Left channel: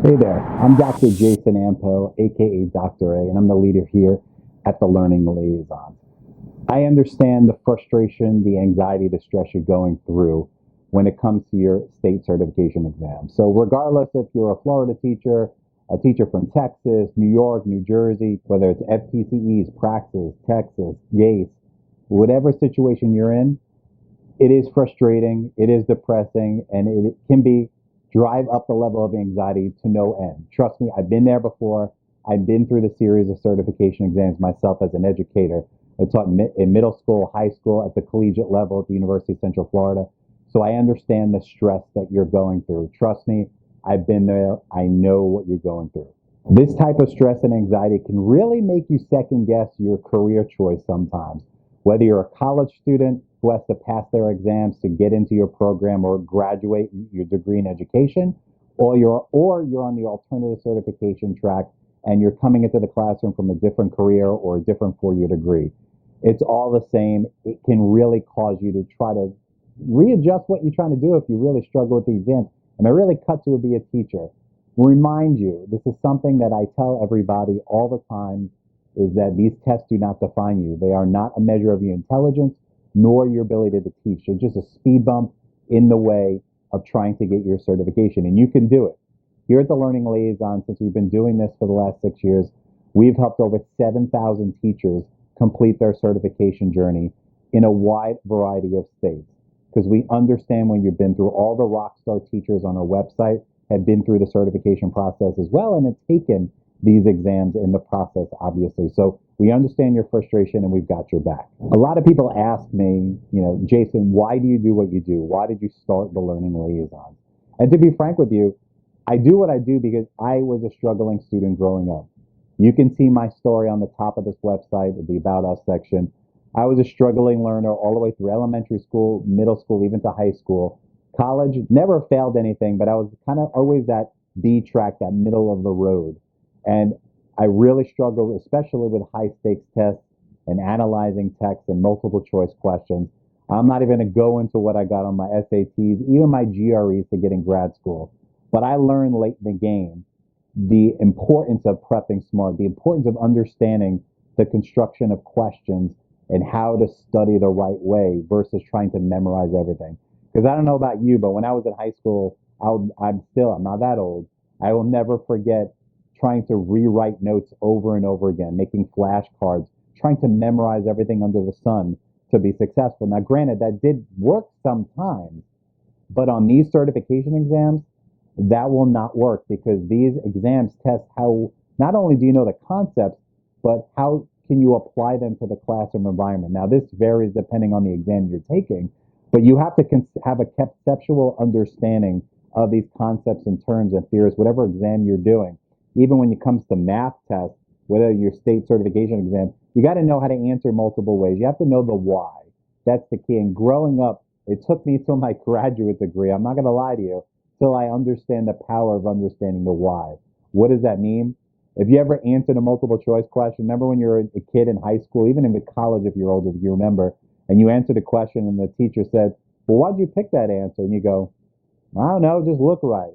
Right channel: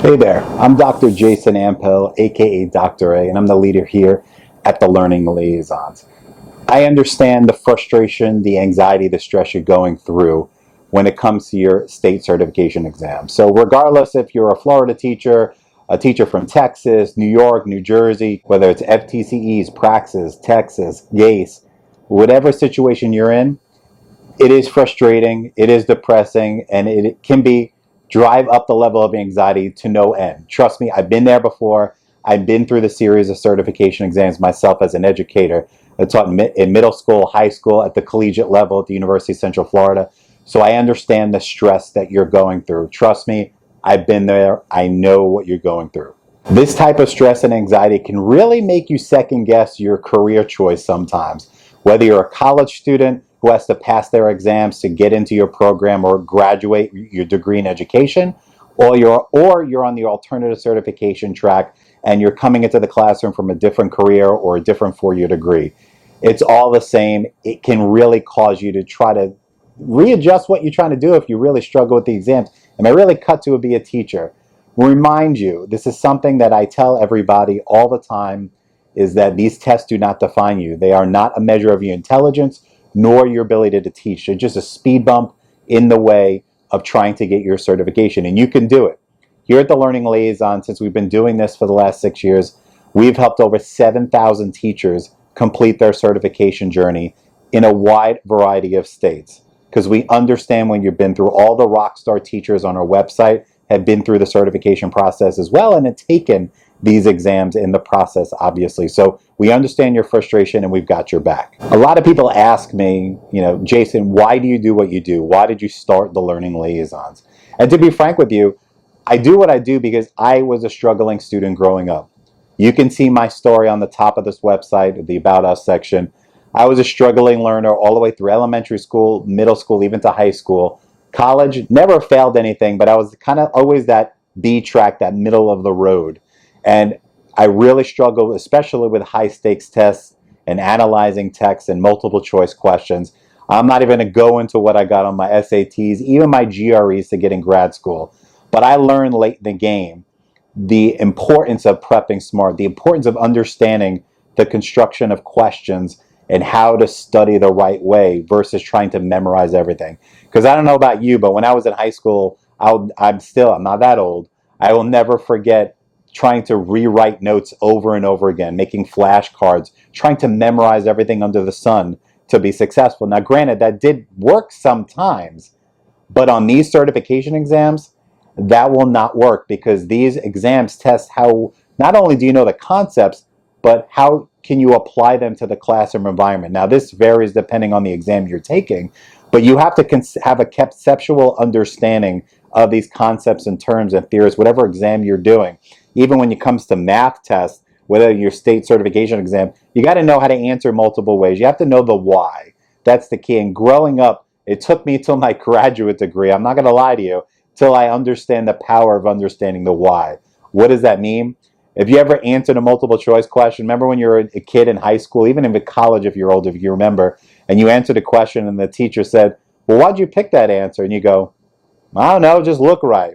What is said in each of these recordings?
Hey there, I'm Dr. Jason Ampel, aka Dr. A, and I'm the leader here at the Learning Liaisons. I understand the frustration, the anxiety, the stress you're going through when it comes to your state certification exam. So, regardless if you're a Florida teacher, a teacher from Texas, New York, New Jersey, whether it's FTCEs, Praxis, TExES, GACE, whatever situation you're in, it is frustrating, it is depressing, and it can be drive up the level of anxiety to no end. Trust me, I've been there before. I've been through the series of certification exams myself as an educator. I taught in middle school, high school, at the collegiate level at the University of Central Florida. So I understand the stress that you're going through. Trust me, I've been there. I know what you're going through. This type of stress and anxiety can really make you second guess your career choice sometimes. Whether you're a college student who has to pass their exams to get into your program or graduate your degree in education, or you're on the alternative certification track and you're coming into the classroom from a different career or a different four-year degree. It's all the same. It can really cause you to try to readjust what you're trying to do if you really struggle with the exams. And I really cut to be a teacher. Remind you, this is something that I tell everybody all the time, is that these tests do not define you. They are not a measure of your intelligence nor your ability to teach. They're just a speed bump in the way of trying to get your certification. And you can do it. Here at the Learning Liaison, since we've been doing this for the last 6 years, we've helped over 7,000 teachers complete their certification journey in a wide variety of states. Because we understand when you've been through all the rock star teachers on our website have been through the certification process as well and have taken these exams in the process, obviously. So we understand your frustration and we've got your back. A lot of people ask me, Jason, why do you do what you do? Why did you start the Learning Liaisons? And to be frank with you, I do what I do because I was a struggling student growing up. You can see my story on the top of this website, the About Us section. I was a struggling learner all the way through elementary school, middle school, even to high school. College, never failed anything, but I was kind of always that B track, that middle of the road. And I really struggled, especially with high stakes tests and analyzing text and multiple choice questions. I'm not even going to go into what I got on my SATs, even my GREs to get in grad school. But I learned late in the game the importance of prepping smart, the importance of understanding the construction of questions and how to study the right way versus trying to memorize everything. Because I don't know about you, but when I was in high school, I'm not that old. I will never forget trying to rewrite notes over and over again, making flashcards, trying to memorize everything under the sun to be successful. Now, granted, that did work sometimes, but on these certification exams, that will not work because these exams test how not only do you know the concepts, but how can you apply them to the classroom environment. Now, this varies depending on the exam you're taking, but you have to have a conceptual understanding of these concepts and terms and theories, whatever exam you're doing. Even when it comes to math tests, whether your state certification exam, you got to know how to answer multiple ways. You have to know the why. That's the key. And growing up, it took me till my graduate degree, I'm not going to lie to you, till I understand the power of understanding the why. What does that mean? If you ever answered a multiple choice question, remember when you were a kid in high school, even in college if you're old, if you remember, and you answered a question and the teacher said, well, why'd you pick that answer? And you go, I don't know, just look right.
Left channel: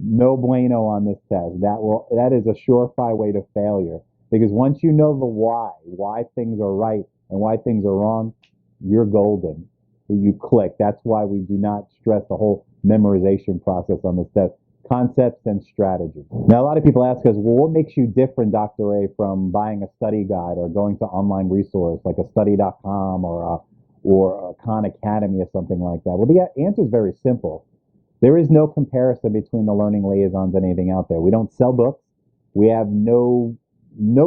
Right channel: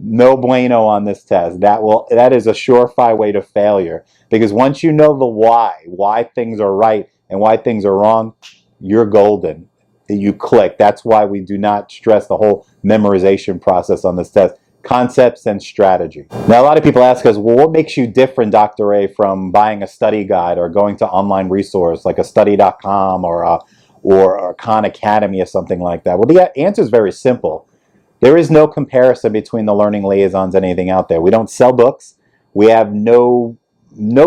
No bueno on this test. That is a surefire way to failure. Because once you know the why things are right and why things are wrong, you're golden. You click. That's why we do not stress the whole memorization process on this test. Concepts and strategy. Now, a lot of people ask us, well, what makes you different, Dr. A, from buying a study guide or going to online resource like a study.com or Khan Academy or something like that? Well, the answer is very simple. There is no comparison between the Learning Liaisons and anything out there. We don't sell books. We have no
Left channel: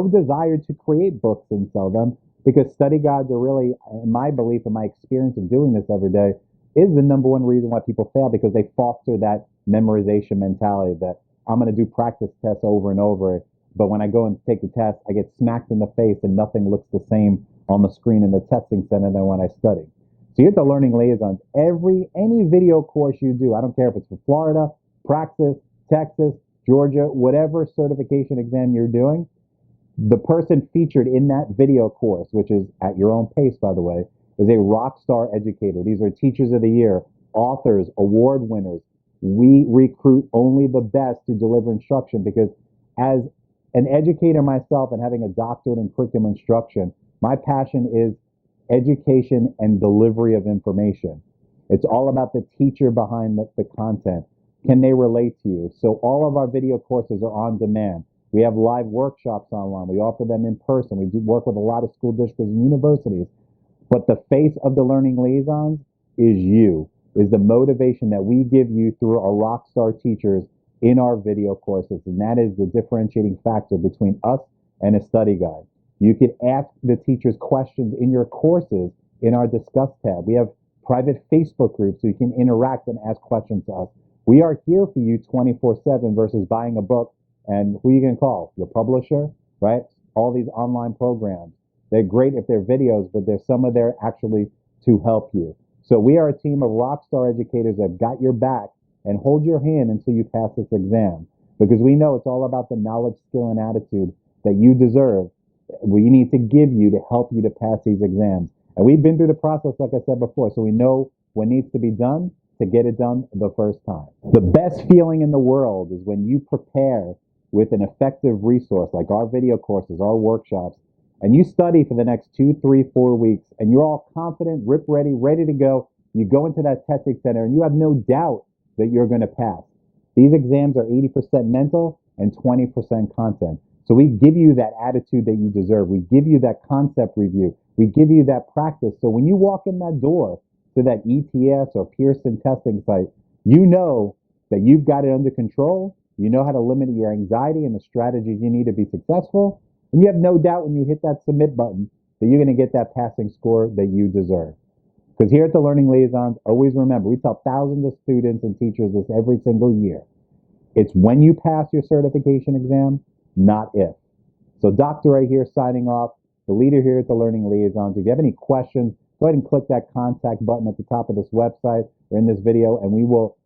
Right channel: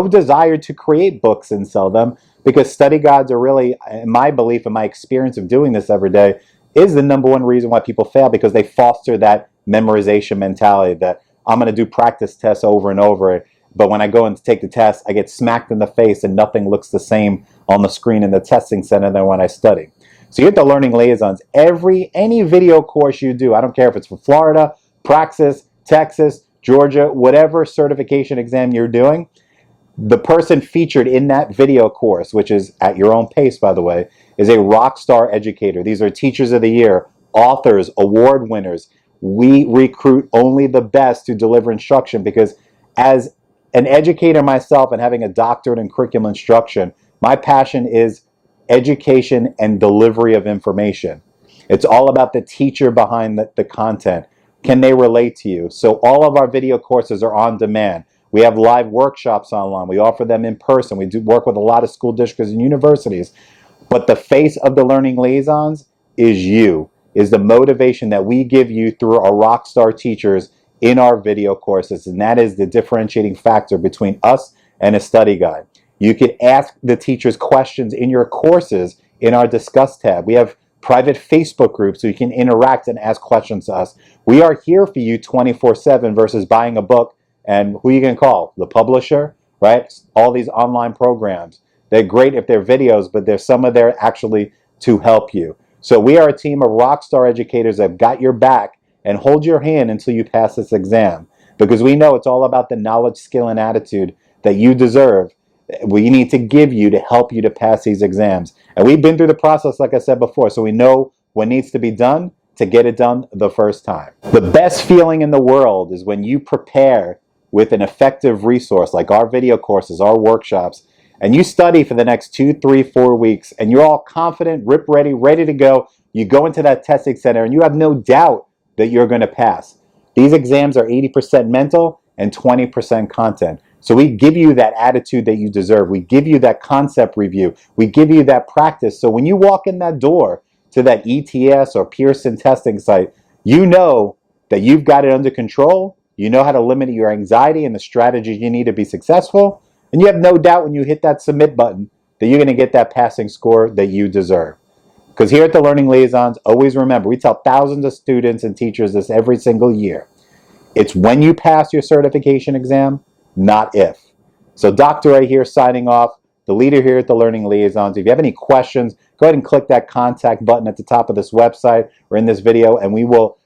desire to create books and sell them because study guides are really, in my belief and my experience of doing this every day, is the number one reason why people fail because they foster that memorization mentality that I'm going to do practice tests over and over, but when I go and take the test, I get smacked in the face and nothing looks the same on the screen in the testing center than when I study. So you get the Learning Liaisons. Any video course you do, I don't care if it's for Florida, Praxis, Texas, Georgia, whatever certification exam you're doing, the person featured in that video course, which is at your own pace, by the way, is a rock star educator. These are teachers of the year, authors, award winners, we recruit only the best to deliver instruction, because as an educator myself and having a doctorate in curriculum instruction, my passion is education and delivery of information. It's all about the teacher behind the content. Can they relate to you? So all of our video courses are on demand. We have live workshops online. We offer them in person. We do work with a lot of school districts and universities. But the face of the Learning Liaisons is you, is the motivation that we give you through our rock star teachers in our video courses. And that is the differentiating factor between us and a study guide. You can ask the teachers questions in your courses in our Discuss tab. We have private Facebook groups so you can interact and ask questions to us. We are here for you 24/7 versus buying a book and who you can call? The publisher, right? All these online programs. They're great if they're videos, but there's some of there actually to help you. So we are a team of rock star educators that got your back and hold your hand until you pass this exam, because we know it's all about the knowledge, skill, and attitude that you deserve. We need to give you to help you to pass these exams. And we've been through the process, like I said before, so we know what needs to be done to get it done the first time. The best feeling in the world is when you prepare with an effective resource like our video courses, our workshops, and you study for the next 2, 3, 4 weeks, and you're all confident, ready to go. You go into that testing center and you have no doubt that you're going to pass. These exams are 80% mental and 20% content. So we give you that attitude that you deserve. We give you that concept review. We give you that practice. So when you walk in that door to that ETS or Pearson testing site, you know that you've got it under control. You know how to limit your anxiety and the strategies you need to be successful. And you have no doubt when you hit that submit button that you're going to get that passing score that you deserve. Because here at the Learning Liaisons, always remember, we tell thousands of students and teachers this every single year. It's when you pass your certification exam, not if. So Dr. A here signing off, the leader here at the Learning Liaisons. If you have any questions, go ahead and click that contact button at the top of this website or in this video, and we will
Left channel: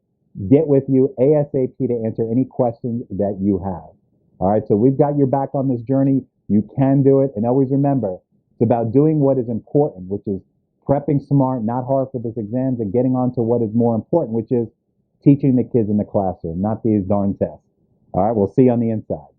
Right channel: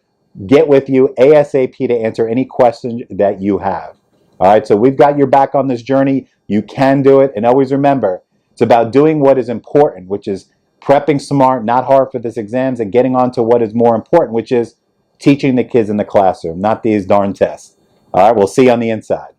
get with you ASAP to answer any questions that you have. All right, so we've got your back on this journey. You can do it. And always remember, it's about doing what is important, which is prepping smart, not hard for this exams, and getting on to what is more important, which is teaching the kids in the classroom, not these darn tests. All right, we'll see you on the inside.